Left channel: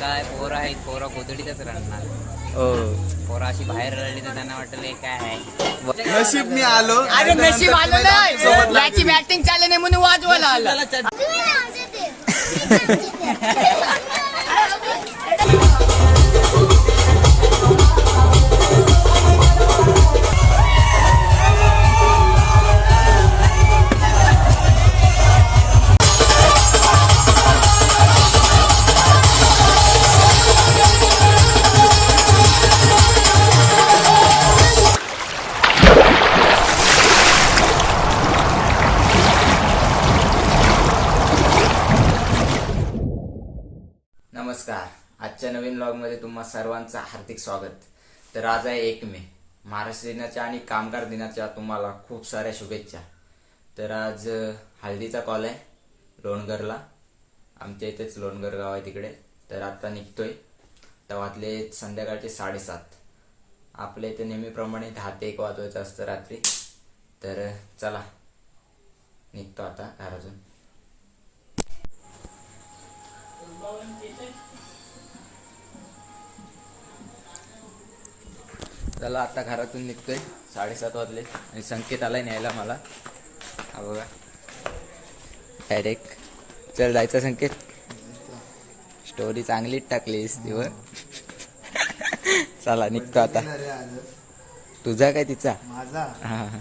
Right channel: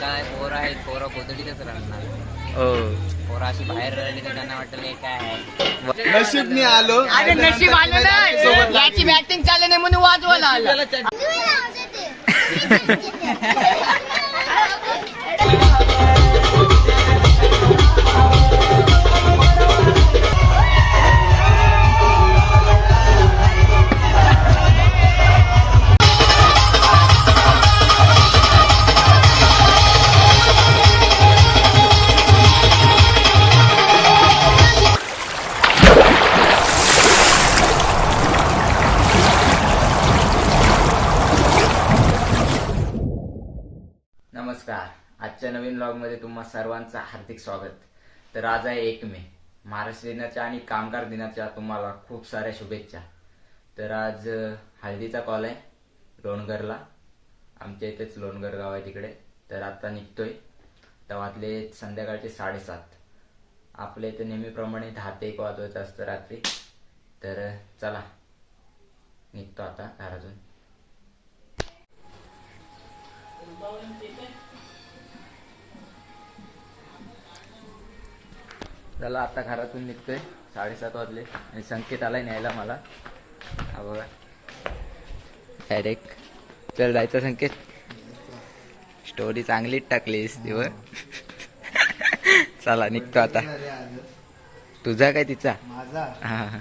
काय पोरं आहेत पोरं कोथडीतच राहणार हो. पोरं अशी बाहेर राहिली तर त्यांना वाटलं हे काय आहे? नशीब मी आलो. अरे नशीब आलं नाही. याची बॅटिंग चालू नाही म्हणून वाजवायला आला. सर्वांचं हार्दिक स्वागत. तर आज आहे एक मे. महाराष्ट्र दिनाच्या आणि कामगार दिनाच्या तुम्हाला खूप साऱ्या शुभेच्छा. तर आज हळदीचा कॉल आहे लोणगरला. आमच्या इथेच लोणगर गाव आहे तिकडे. तर आता निघतोय. तर संध्याकाळचे साडेसात. आपल्या इथे नेहमीप्रमाणे दहा ते एक वाजवायचं असतं रात्री. तर चला. निघतो आता घरातून. चला आता घरातून निघतोय. साडेसात वाजले आणि संकेत आलाय न्यायला मला. हा बघा. डायरेक्ट चल जायचं संकेत? स्टोरी चांगलीच टाकलीस वर चला निघतो आता. तुझा काय तिचा? माझा? हा.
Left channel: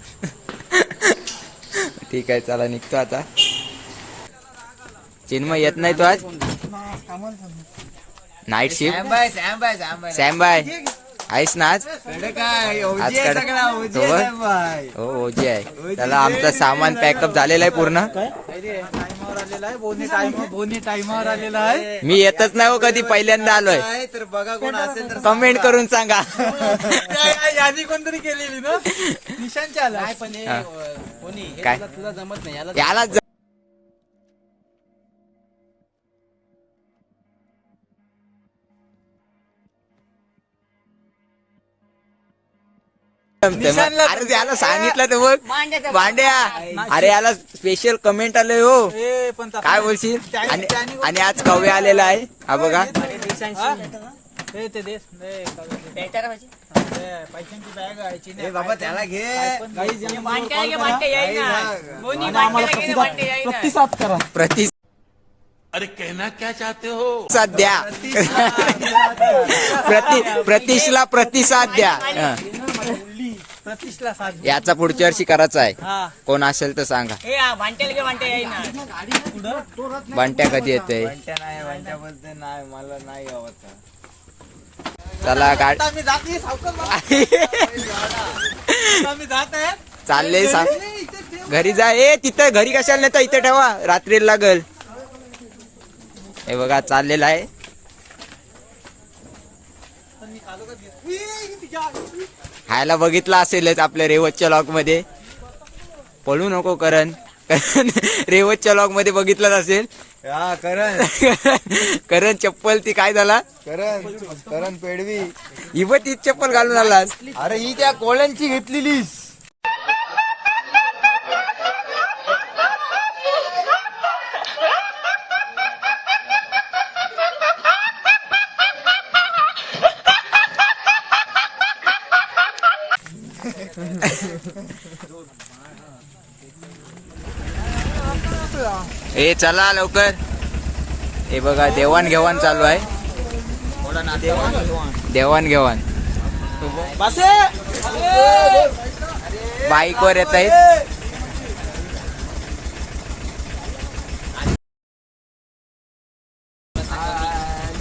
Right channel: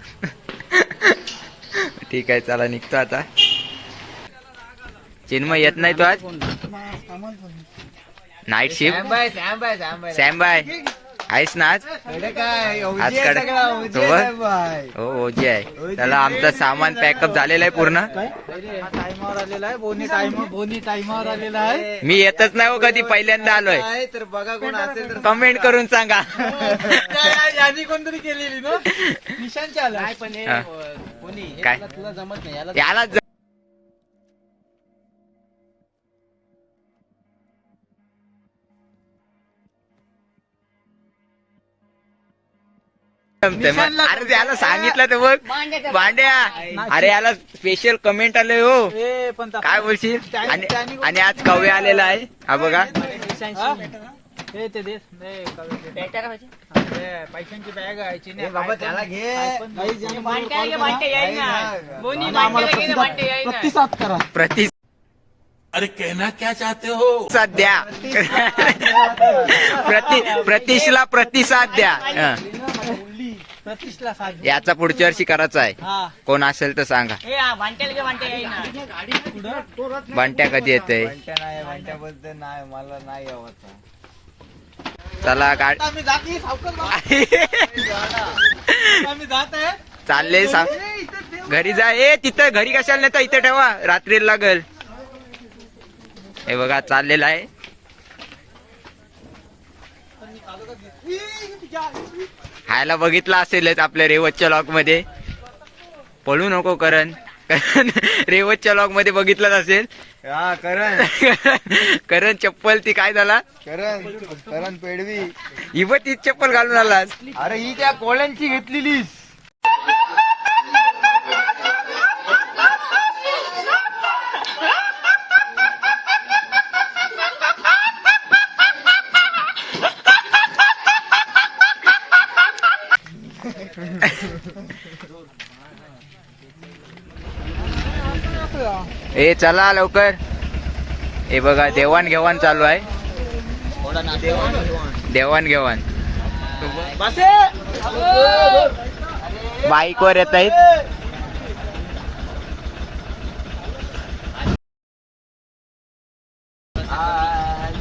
ठीक आहे चला निघतो आता. चिन्मय येत नाही तू आज? नाईट शिफ्ट सॅम बाय आहेस ना आज? आज कडे सोबत हो. ओजी आहे. त्याला आमचं सामान पॅकअप झालेलं आहे पूर्ण. मी येतच नाही हो कधी पहिल्यांदा आलोय. तर बघा कोण असेल तर कमेंट करून सांगा. यादी कोणतरी केलेली ना निशांच्या आला पण हा. हे काय? तुला जमत नाही. याला अरे याला सांगितलं तर बघ. भांड्याचं- भांड्या. अरे याला स्पेशल कमेंट आले हो. ए, पण ता- काय बोलशील? आणि आज कव्य आलेला आहे. हा बघा. ते पैशांची बॅग आहे प्रतिसाद अरे कहना क्या चाहते हो? सध्या प्रति प्रतिशला प्रतिसाद द्या. याचा पुढच्या वर्षी करायचा आहे. हा. कोण असेल तर सांगा. बंट्या कधी येते नाही वांट्या बोलते नाही मला नाही आवडत. चला गाड नाही, आहे चालले सा घरी जा. ए तिथं घरी कशाला नेता? इथे ठेवा. रात्री लागल. हे बघा चाललेलं आहे. हायला बघितला असेलच आपल्या रेवतच्या लॉकमध्ये. पळू नको करण. कारण रेवतच्या लॉकमध्ये बघितलंच असेल. हा करण. करण चप्पल ती काय झाला? करण करण पेडवी. ही पण तीच चप्पल घालून आलास. अरे ही त्या कोळ्यांची घेतलेलीस. ए चला लवकर. हे बघा देवाण घेवाण चालू आहे. देवाण घेवाण बाईक वर येत आहेत.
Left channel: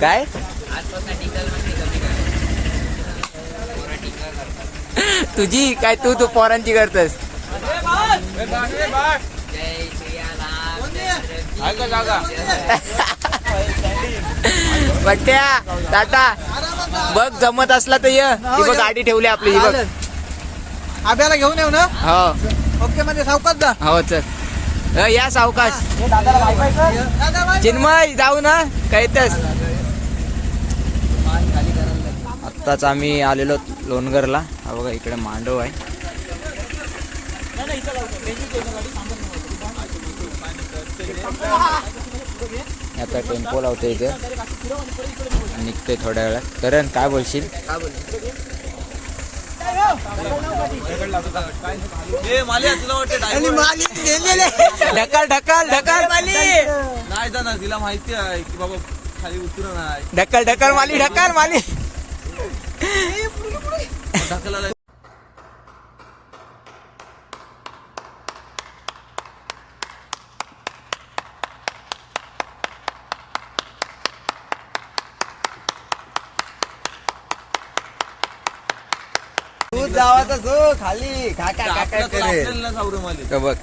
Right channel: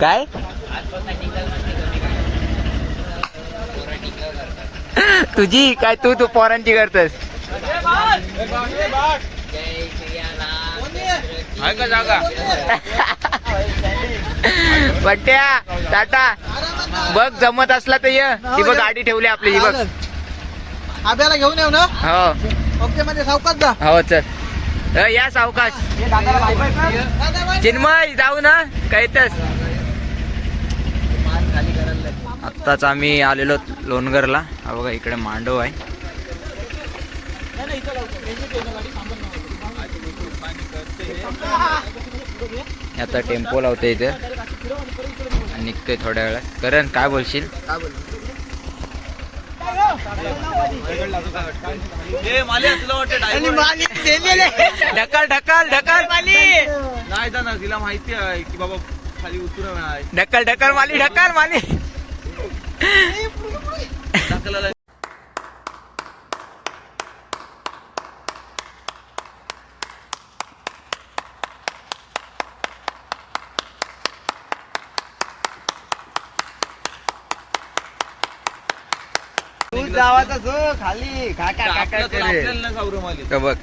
काय? तुझी काय तू तू पोरांची करतस? बट्ट्या टाटा. बघ जमत असला तर ये. ती बघ गाडी ठेवली आपली ही बघ. आब्याला घेऊन येऊ ना? हो. ओके म्हणजे सावकाश जा. हो चल. अ, या सावकाश. चिन्मय जाऊ ना. काहीतच आत्ताच आम्ही आलेलो लोणगरला. हा बघा इकडे मांडव आहे. आता टेम्पो लावते इथे. निघतोय थोड्या वेळात. करण काय बोलशील? ढकल ढकल ढकल. नाही दादा तिला माहिती आहे की बाबा खाली उतरू नाही. ढकल ढकल माली ढकल माली. खाली. काका काका तर बघ.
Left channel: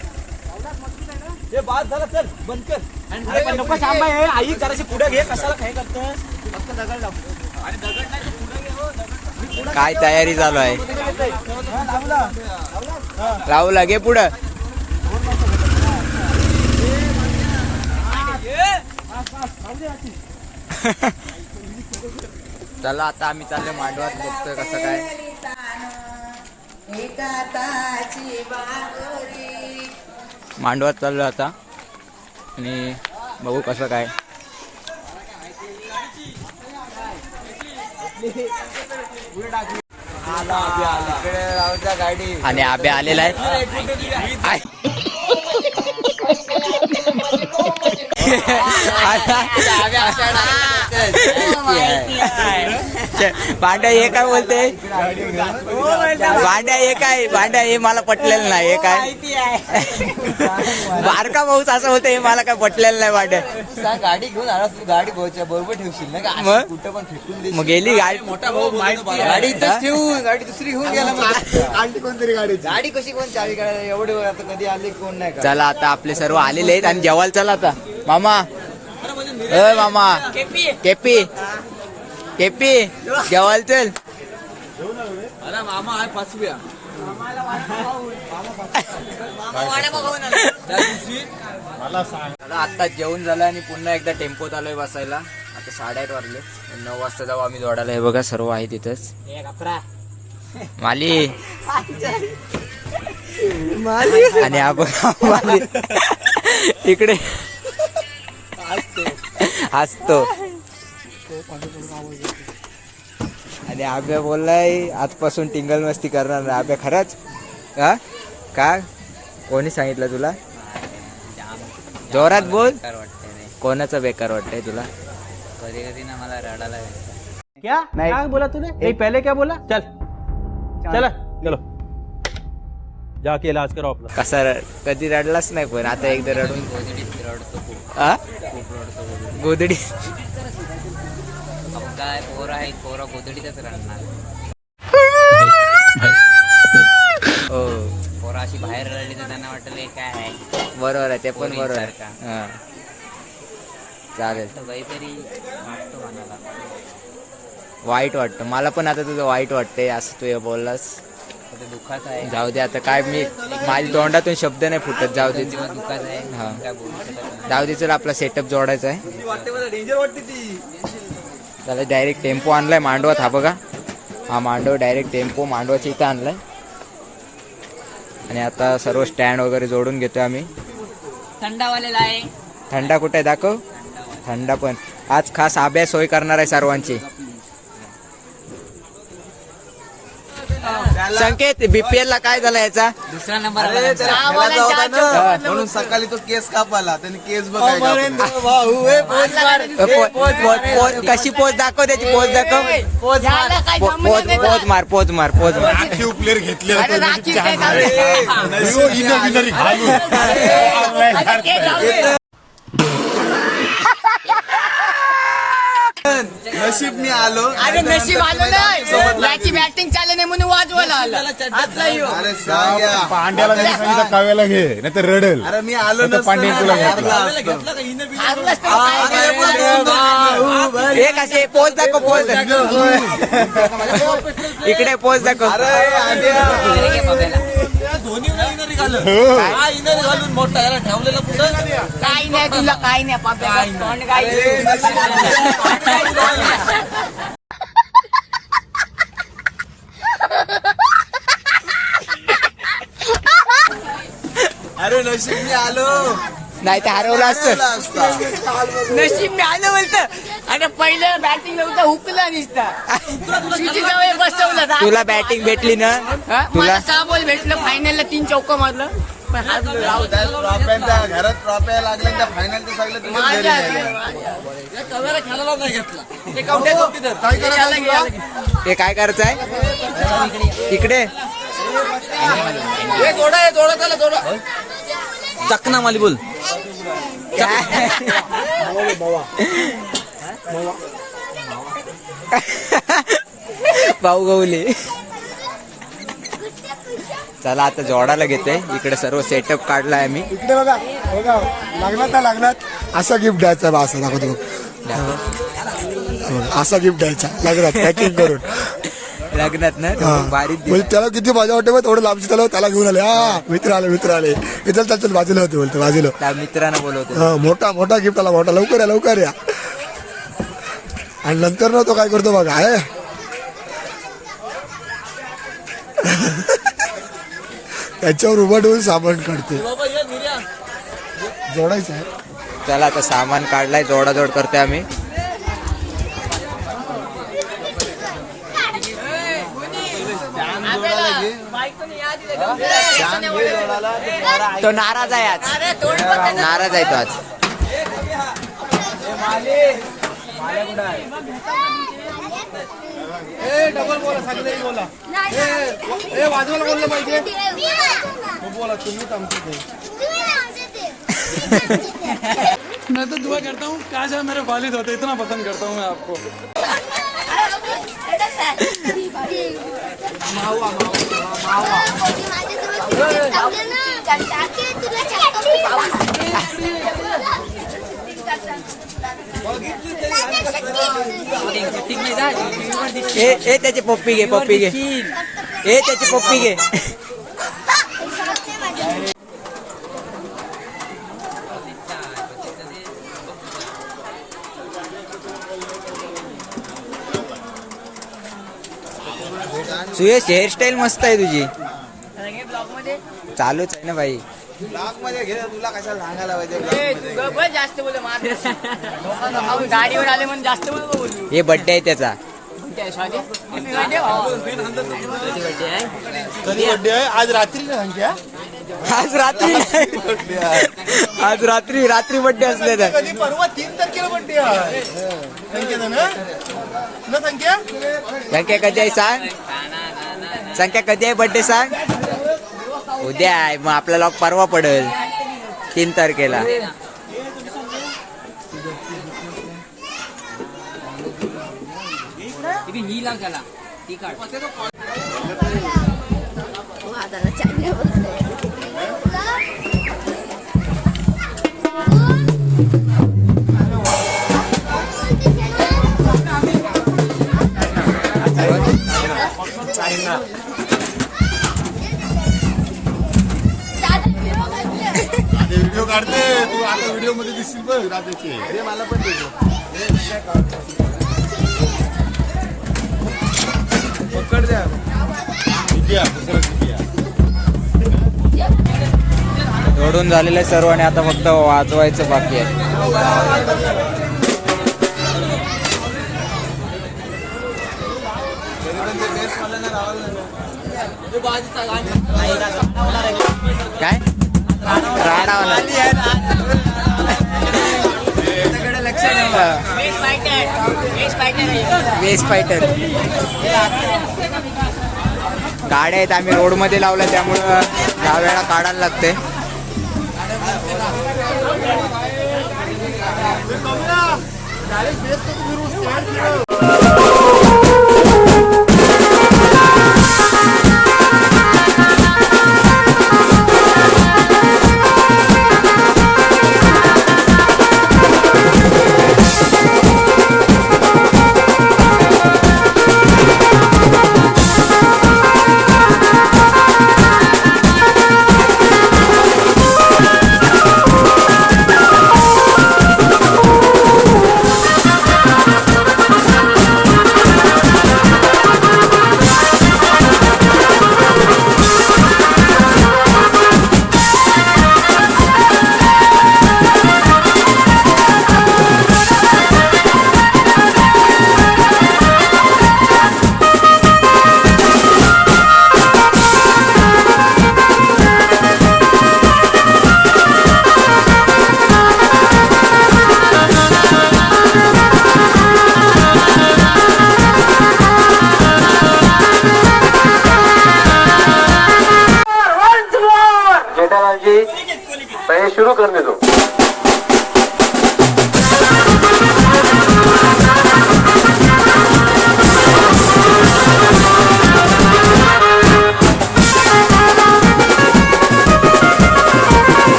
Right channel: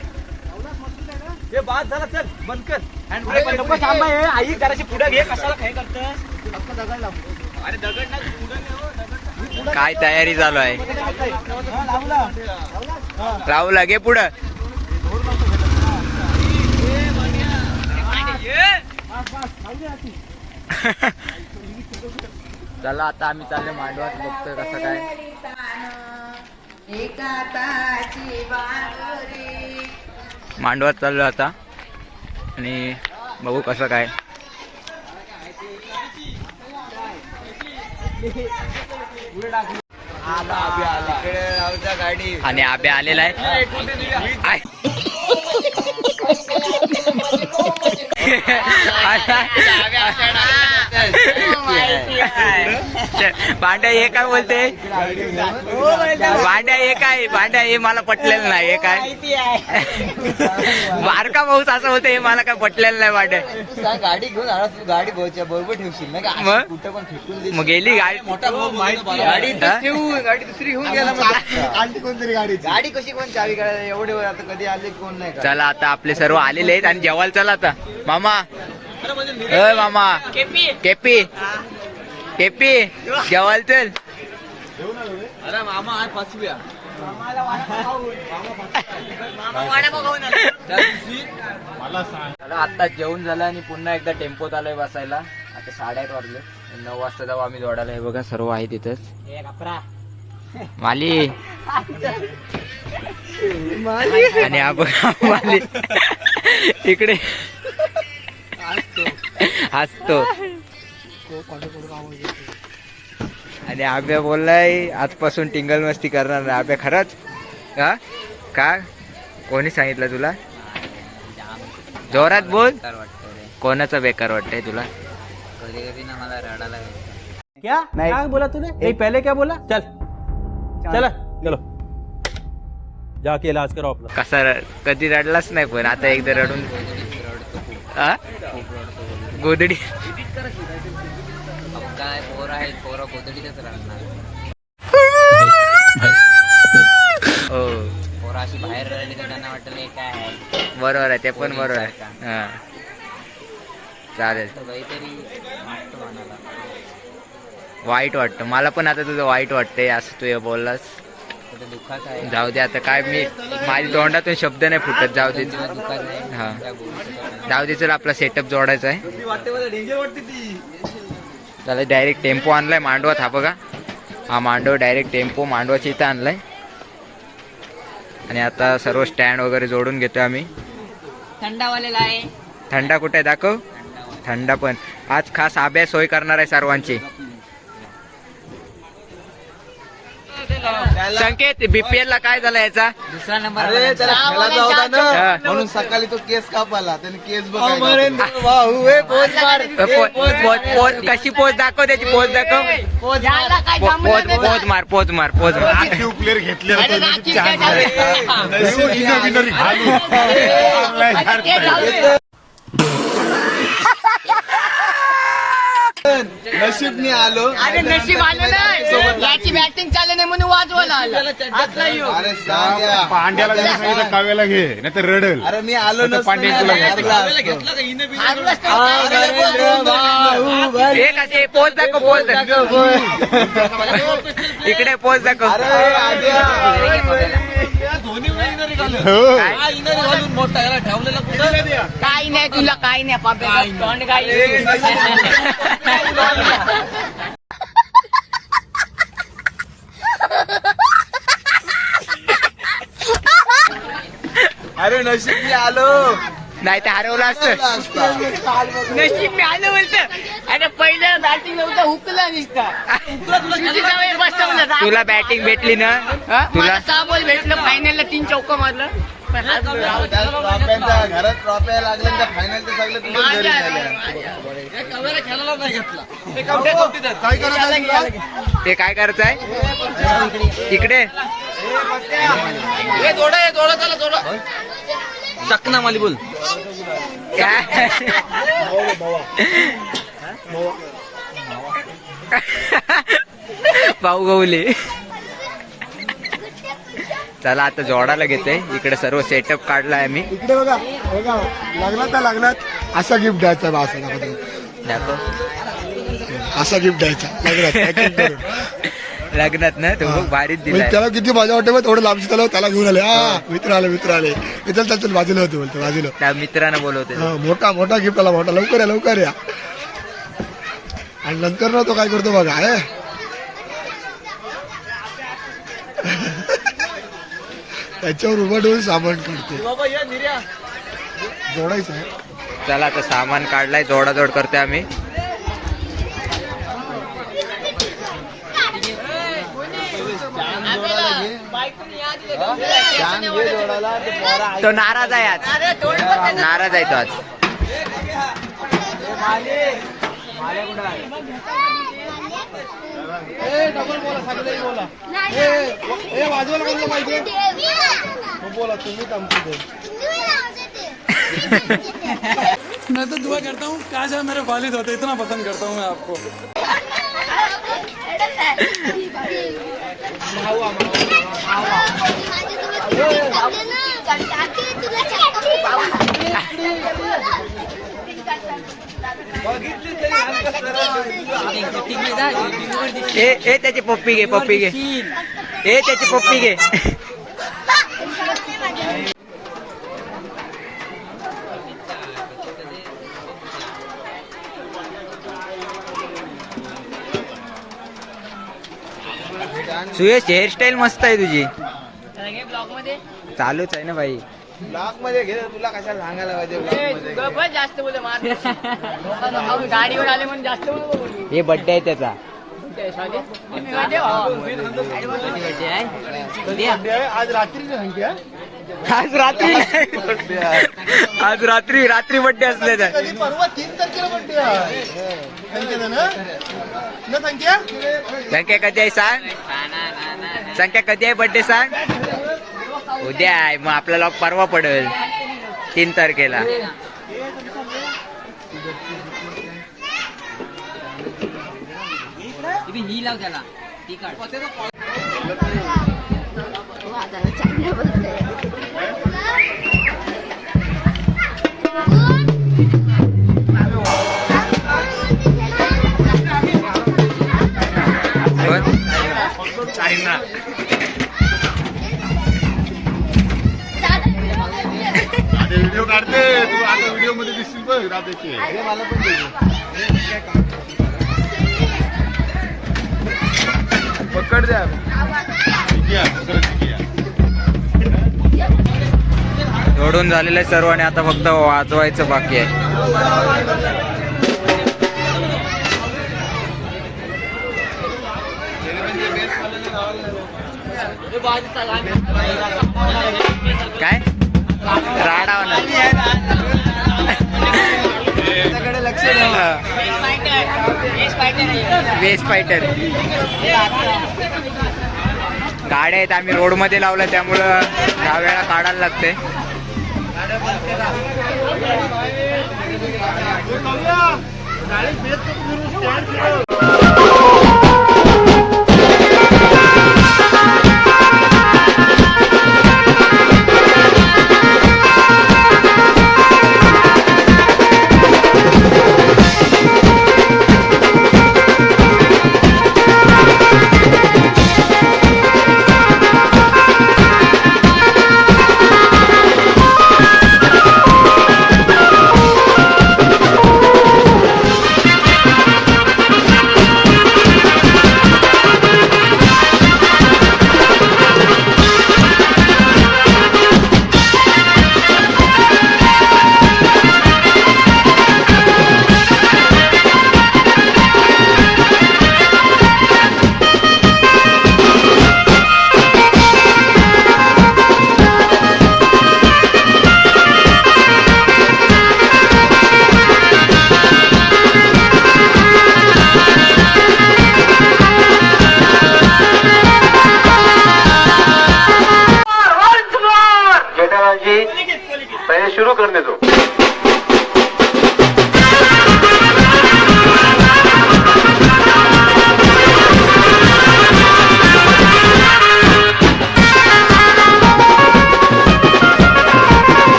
हे बाद झाला चल बंद कर. नको थांबा हे आई जराशी पुढे घे कशाला काय करतोस फक्त दगड लाव अरे दगड नाही पुढे घे हो, दगड काय तयारी चालू आहे? हा, लावला राहुल घे पुढं. चला आता आम्ही चाललो मांडवात बघतोय कसं काय. मांडवात चाललो आता. आणि बघू कसं काय. गाडी आणि आबे आलेला आहे. आय. भांड्या हे काय बोलते? भांड्या हे काय? भांड्या हे मला पटलेलं नाही हे काय? बारका भाऊच असं बोलते हे मला काय पटलेलं नाही भांड्या गाडी घेऊन आला तू गाडी भाऊच्या बरोबर ठेवशील ना का? मग? अशी कुठं पण फेकून मग गेली गाडी? मोठा भाऊ गाडी हा? गाडी दुसरी घेऊन गेला कोणतरी गाडी गाडी कशी कोण चावी काढायला? एवढे आता कधी आले कोण नाही का चला आता आपले सर्व आलेले आहेत आणि जेवायला चला आता. मामा. मामा. केपी. केपी. जेवायला चल अरे मामा आहे पाचव्या सांग आता जेवण झालं आणि पुन्हा एकदा टेम्पोत आलोय बसायला. आता साडेआठ वाजले. नऊ वाजता जाऊ आम्ही दौडायला. हे बघा सर्व आहे तिथंच माली. आणि हा बघा माली. इकडे. हसतो. आणि आब्या बोललाय आजपासून टिंगल मस्ती करणार नाही आब्या खरंच. हा? का कोणी सांगितलं तुला? जोरात बोल. कोणाचं बेकार वाटतंय तुला? कधी कधी ना मला रडायला क्या? नहीं। क्या बोला तूने? एक पहले क्या बोला? चल। चल. चलो। जाके इलाज कराओ अपना। कसा र- कधी रडलाच नाही पण आता एकदा रडून बोलतो गोदडी काय पोर आहेत पोरं गोदडीतच रडणार. हो. पोरं अशी बाहेर रडली तर त्यांना वाटलं काय आहे? बरोबर आहे ते पण बरोबर आहे. हा. चालेल. तर काहीतरी वाटतो मनाला. वाईट वाटतं. मला पण आता तुझं वाईट वाटतंय असं तू हे बोललास. तर ते दुःखात आहे. जाऊ दे आता काय मी माझ्या तोंडातून शब्द नाही फुटत जाऊ दे. जीवन दुःखात आहे. हा. काय बोलू शकत नाही जाऊ दे चल आपला सेटअप जोडायचा आहे. त्याला डायरेक्ट टेम्पो आणलाय मांडवात हा बघा. हा मांडव डायरेक्ट टेम्पो मांडवाच्या इथं आणलाय. आणि आता सर्व स्टँड वगैरे जोडून घेतो आम्ही. थंडावालेला आहे. थंडा कुठे दाखव. थंडा पण. आज खास आभ्यास सोय करणार आहे सर्वांची. संकेत बीपीएल ला काय झालं याचा दुसरा नंबर. हा. म्हणून सकाळी तो केस कापाला त्याने केस बघायला पो- कशी पोच दाखव त्याची पोच दाखव याला काय पो- जमलं पोच नाही? पोच मार पोच मार पोच मार अरे राखी काय जाऊ दे. अरे ते जाऊ दे. नशीबने आलो अरे नशीब आलं नाही याची बॅटिंग चालू नाही म्हणून वाजवायला आला. अरे सांग्या पांड्याला सांगितलं काव्याला घे नाही तर रडल अरे मी आलो आता पांड्याने तुला घेतलं. हारलाच तर काय नाही. एक असे पोच दाखव पोच इकडे पोच दाखव काय? घालून मोठा याला ठेवलेला कुठं? काही नाही तुला काही नाही काही अरे नशीबने आलो. नाही तर हरवलं असतं. असता. नशीब मी आलं बोलत आणि पहिले बॅटिंग नव्हतं हुकला बसवलं. तुला बॅटिंग भेटली ना? तुला? सहा बॉल भेटलं फायनलला तीन चौक मारलं. ट्रॉफ्यांचा घरात ट्रॉफ्या लागल्या त्या फायनल ते सगळे तुझ्याच घरी नेल्या. काय करायचं तुला? ते काय? करायचं आहे तिकडे चकना माली बोल काय भाऊ गवले चला आता जोडाला घेते इकडे सर्व सेटअप काढलाय आम्ही. इकडे बघा बघा. लागला तर लागलात असा गिफ्ट द्यायचा बा असा दाखवतो. दाखव. असा गिफ्ट द्यायचा. लागलात पॅकिंग करून. लग्नात ना? तो भारीच म्हणजे दिलाय. त्याला किती मजा वाटते थोडं लांबची त्याला त्याला घेऊन आले. हा मित्र आले मित्र आले. मित्र त्याच्या बाजूला होते बोलतो बाजूला. त्या मित्रानं बोलवते मोठा मोठा गिफ्ट आला मोठा. लवकर या लवकर या. आणि नंतर ना तो काय करतो बघा आहे त्याच्यावर उभा ठेवून सामान काढतो. जोडायचं आहे. चला आता सामान काढलाय जोडाजोड करते आम्ही. तो नाराज आहे आज. नाराज आहे तो आज. तो नाराज आहे आज अरे थोडं पण त्याचं- नाराज आहे तो आज मैं तो दुआ करता हूँ काश आप मेरे वालिद होते इतना पसंद करता हूँ मैं आपको ए त्याची पप्पी घे पप्पी घे. ए त्याची पप्पी घे. सुयश हेअरस्टाईल मस्त आहे तुझी. ब्लॉगमध्ये चालूच आहे ना भाई ब्लॉकमध्ये घे तुला कशाला सांगायला पाहिजे ए, तू गप्प बस, जास्त बोल मार. अहो, गाडीवर आले म्हणून जास्त बोल बोलू. हे बड्डे आहे त्याचा. आज रात्री हा? आज रात्री नाही. आज रात्री रात्री बड्डे असले तर. कधी परवा तीन तारखेला बड्डे संख्या संख्या कधी आहे सांग? संख्या कधी आहे बड्डे सांग? उद्या आहे मग आपला लॉक परवा पडेल. तीन तारखेला. ही लाव त्याला. ती काढ. मध्ये दिसतील बघ राजाचे मला पण जोडून झालेलं आहे सर्व आणि आता फक्त वाजवायचं बाकी आहे. काय? राडा होणार. वेस्ट फायटर गाड्या आहेत आम्ही रोडमध्ये लावलं त्यामुळं दहा वेळा काढायला लागते. डायरेक्ट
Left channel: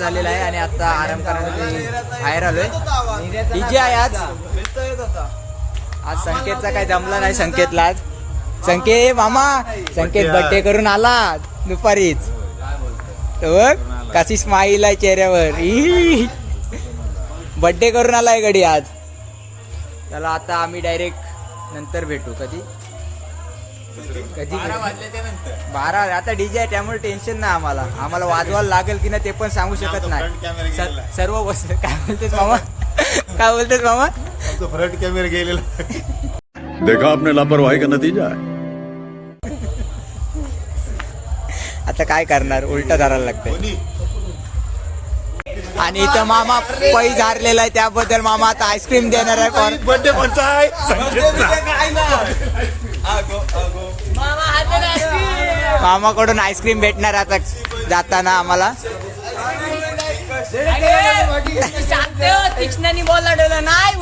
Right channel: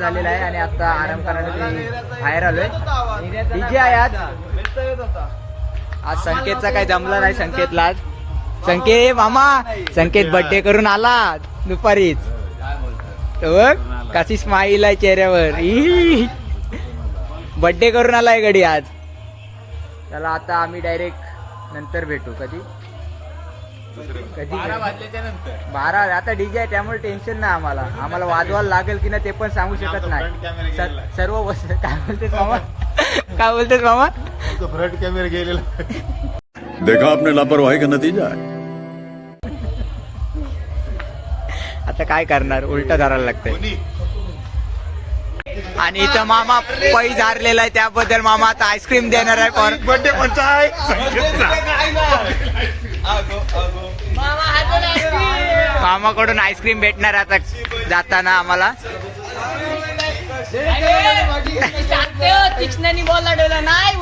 झालेला आहे आणि आता आराम करण्यासाठी बाहेर आलोय. डीजे आहे आज. आज संकेतचा काही जमला नाही संकेतला आज. संकेत मामा संकेत बर्थडे करून आला दुपारीच. बघ कशी स्माईल आहे चेहऱ्यावर. बर्थडे करून आलाय गडी आज. त्याला आता आम्ही डायरेक्ट नंतर भेटू कधी? कधी बारा आता डीजे आहे त्यामुळे टेन्शन नाही आम्हाला. आम्हाला वाजवायला लागेल की नाही ते पण सांगू शकत नाही. सर- सर्व वस्तू काय बोलतेस मामा? काय बोलतेस मामा? फ्रंट कॅमेरा गेलेला देखा आपने लापरवाही का नतीजा आता काय करणार? उलट धरायला लागतंय. आणि इथं मामा पै झारलेला आहे त्याबद्दल मामा आता आईस्क्रीम देणार आहे. पण बर्थडे आहे मामाकडून आईस्क्रीम भेटणार आता जाताना आम्हाला. तीक्ष्णाने बोलला डोला नाही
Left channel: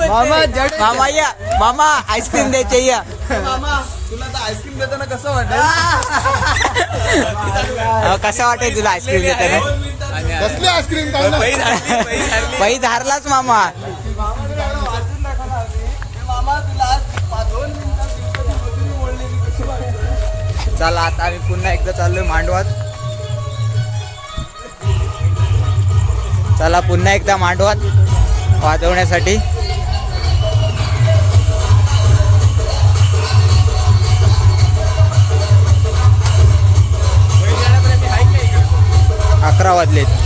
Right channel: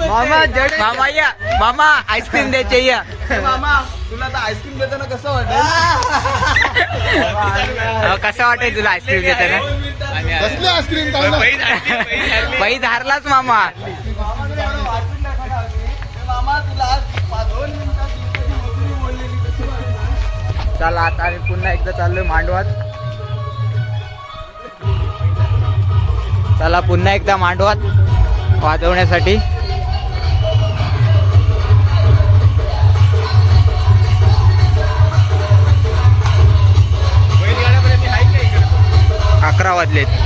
मामा या. मामा आईस्क्रीम द्यायचे या. मामा तुला आता आईस्क्रीम देताना कसं वाटेल? कसं वाटेल तुला आईस्क्रीम देताना? कसली आईस्क्रीम काय ना? पै धारलाच मामा मामा. चला आता आम्ही पुन्हा एकदा चाललोय मांडवात. चला पुन्हा एकदा मांडवात वाजवण्यासाठी. अकरा वाजलेत.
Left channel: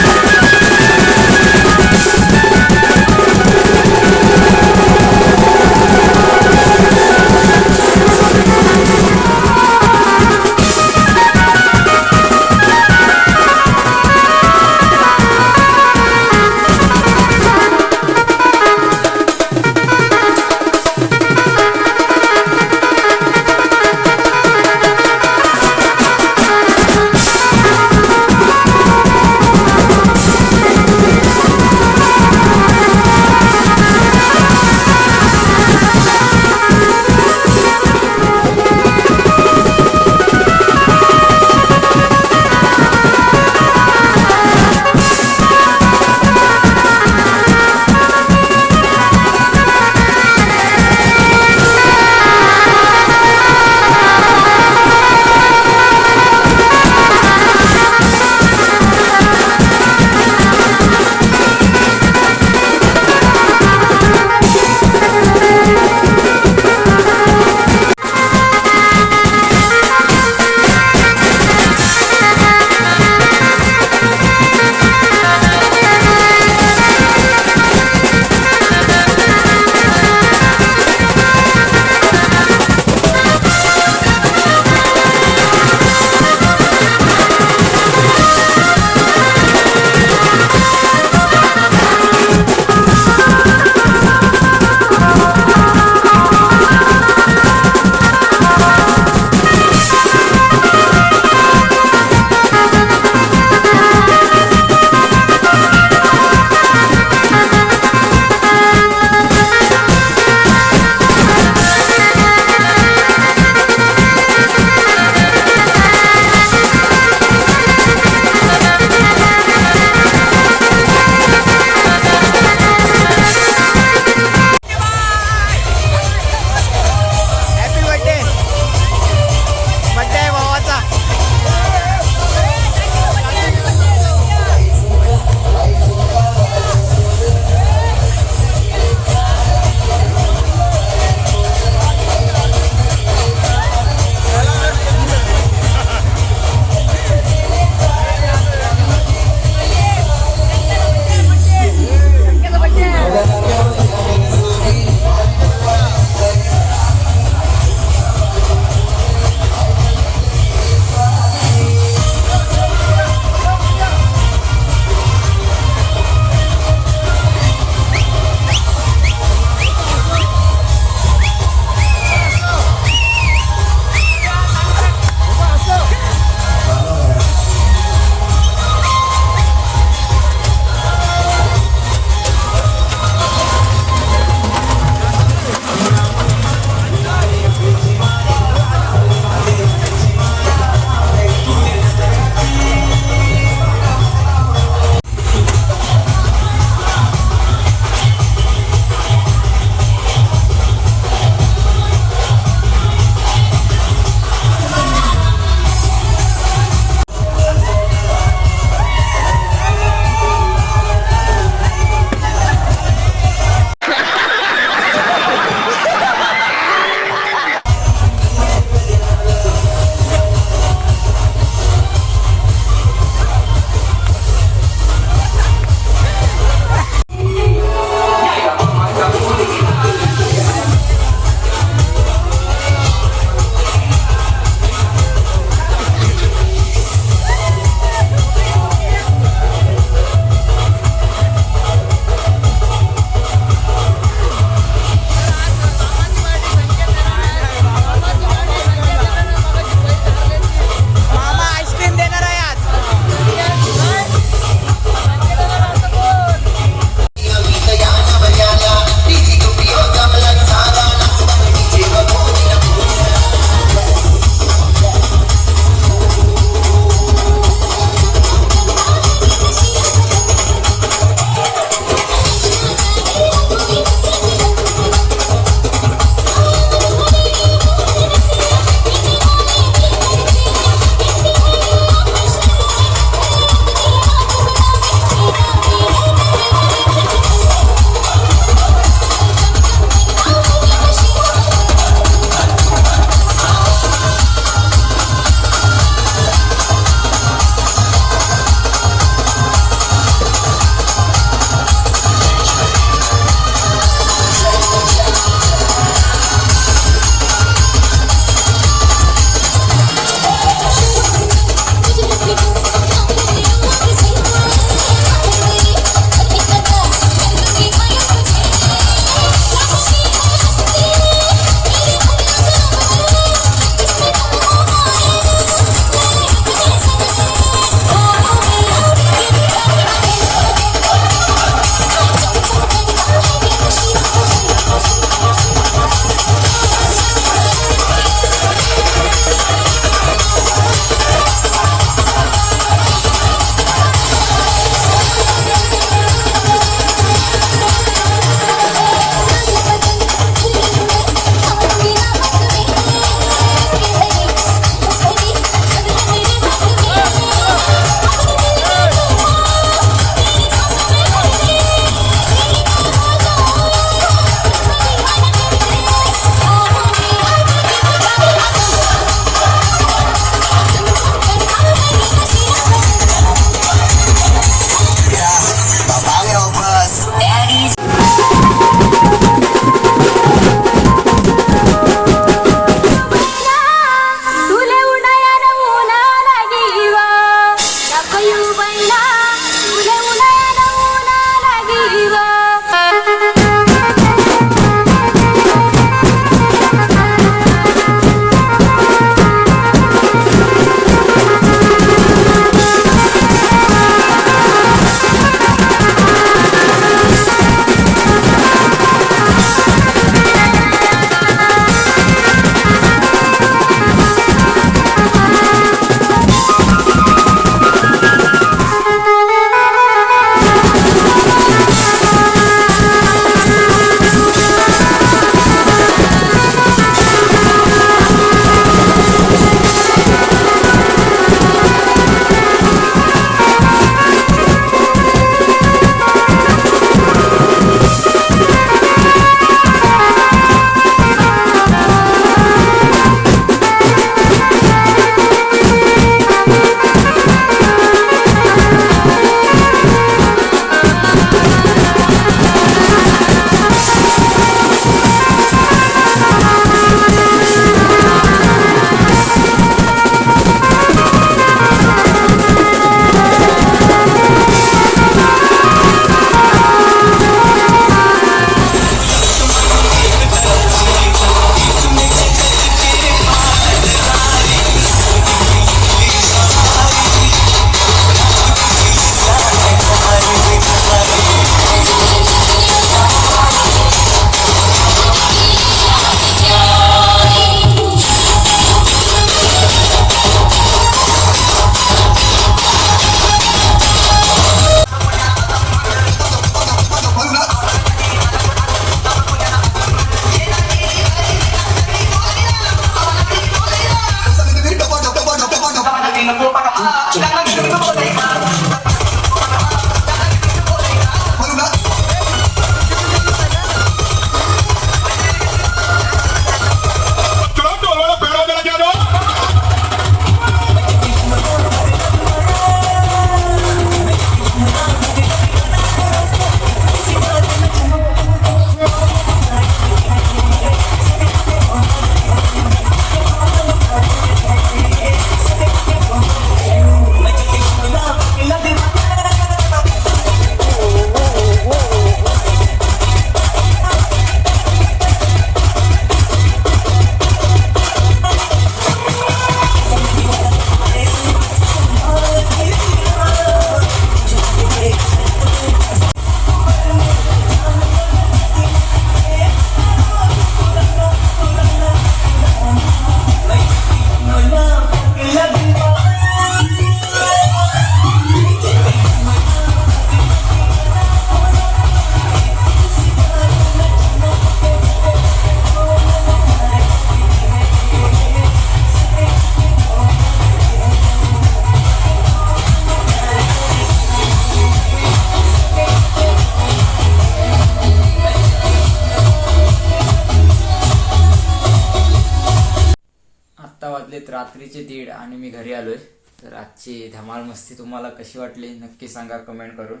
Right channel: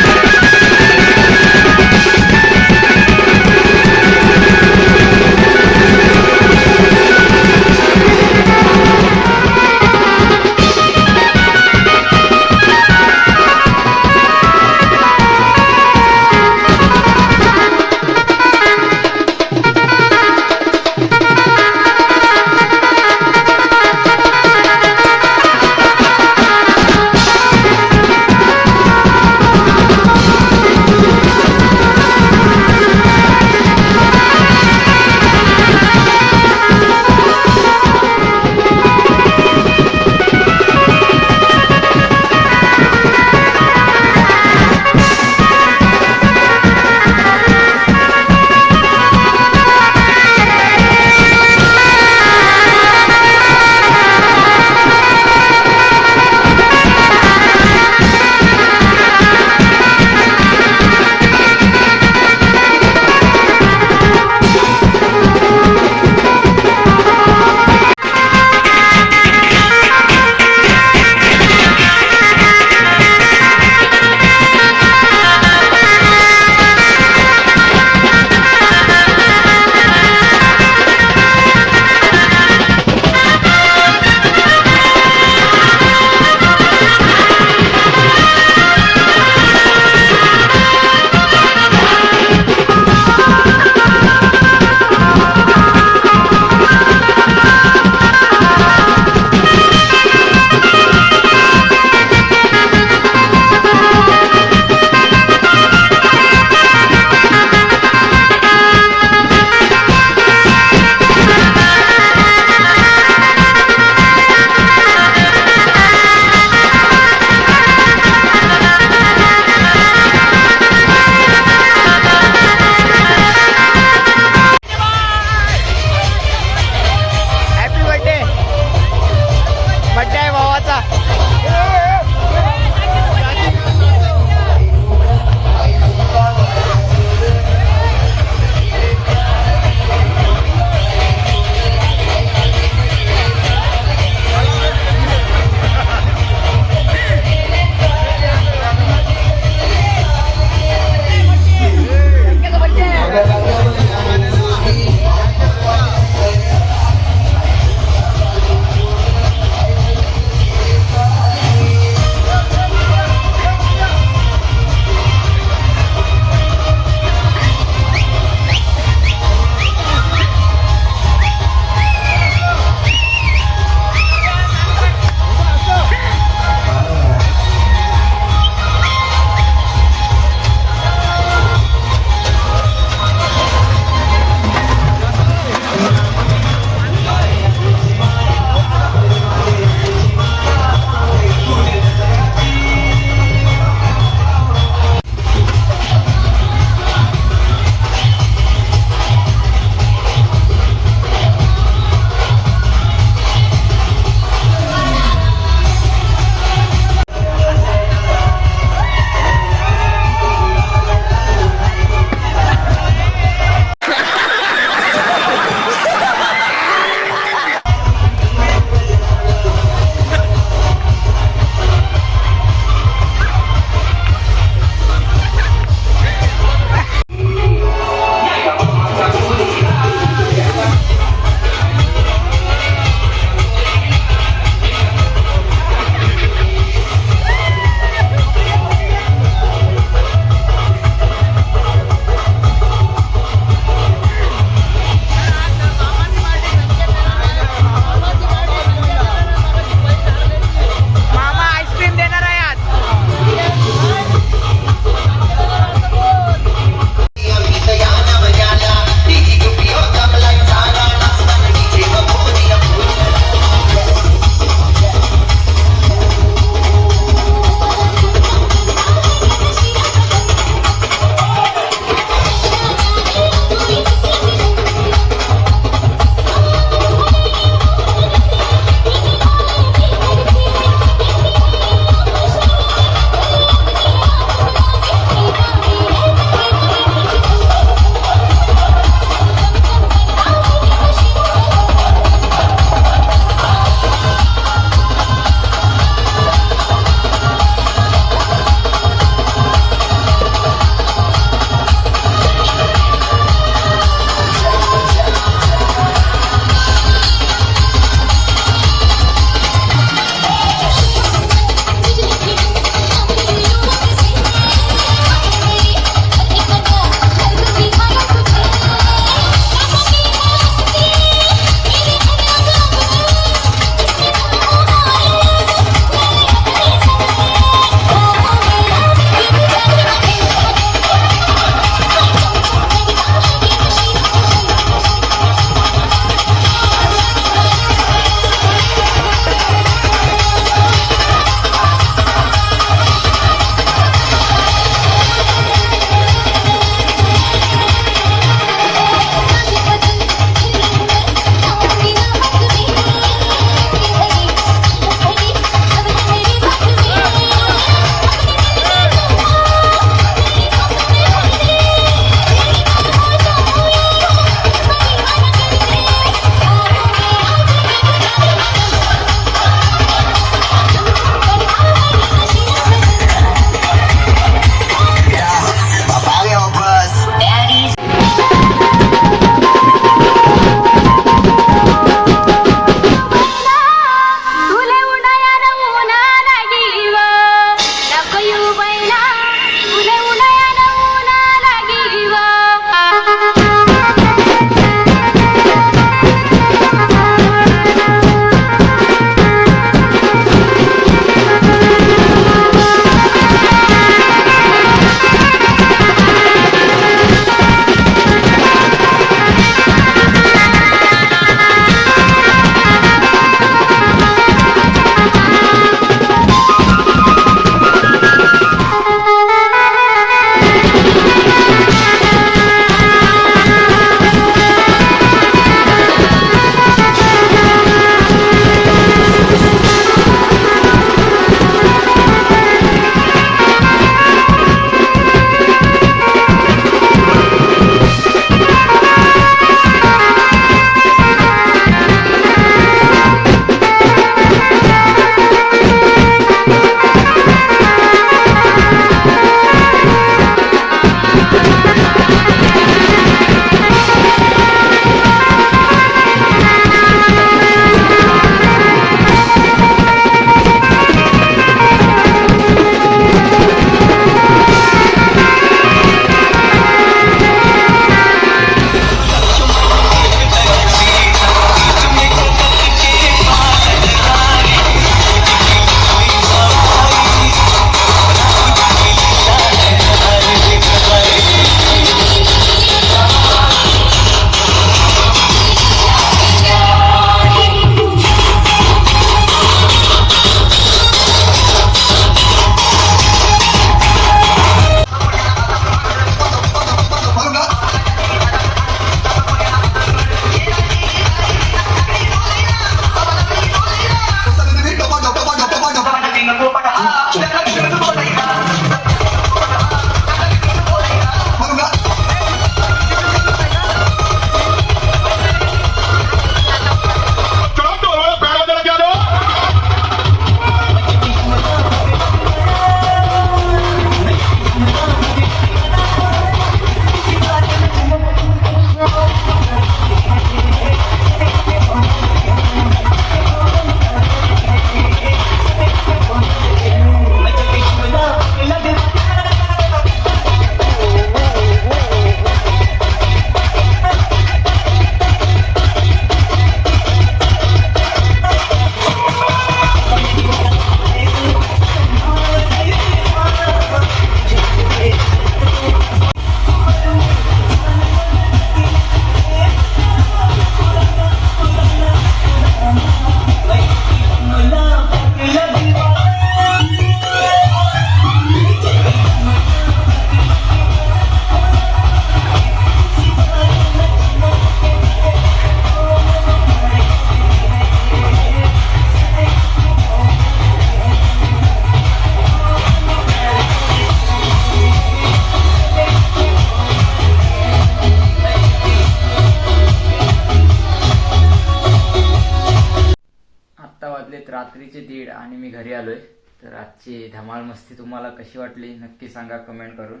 धमाल मस्ती तुम्हाला कशी वाटली नक्की सांगा कमेंट करून.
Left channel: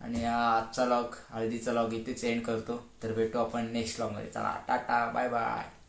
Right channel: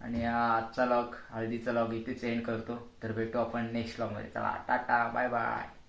आणि आजचा लॉग हळदीचा लॉग इथेच एंड करतो. तर भेटू आपण नेक्स्ट लॉगमध्ये चला टाटा बाय बाय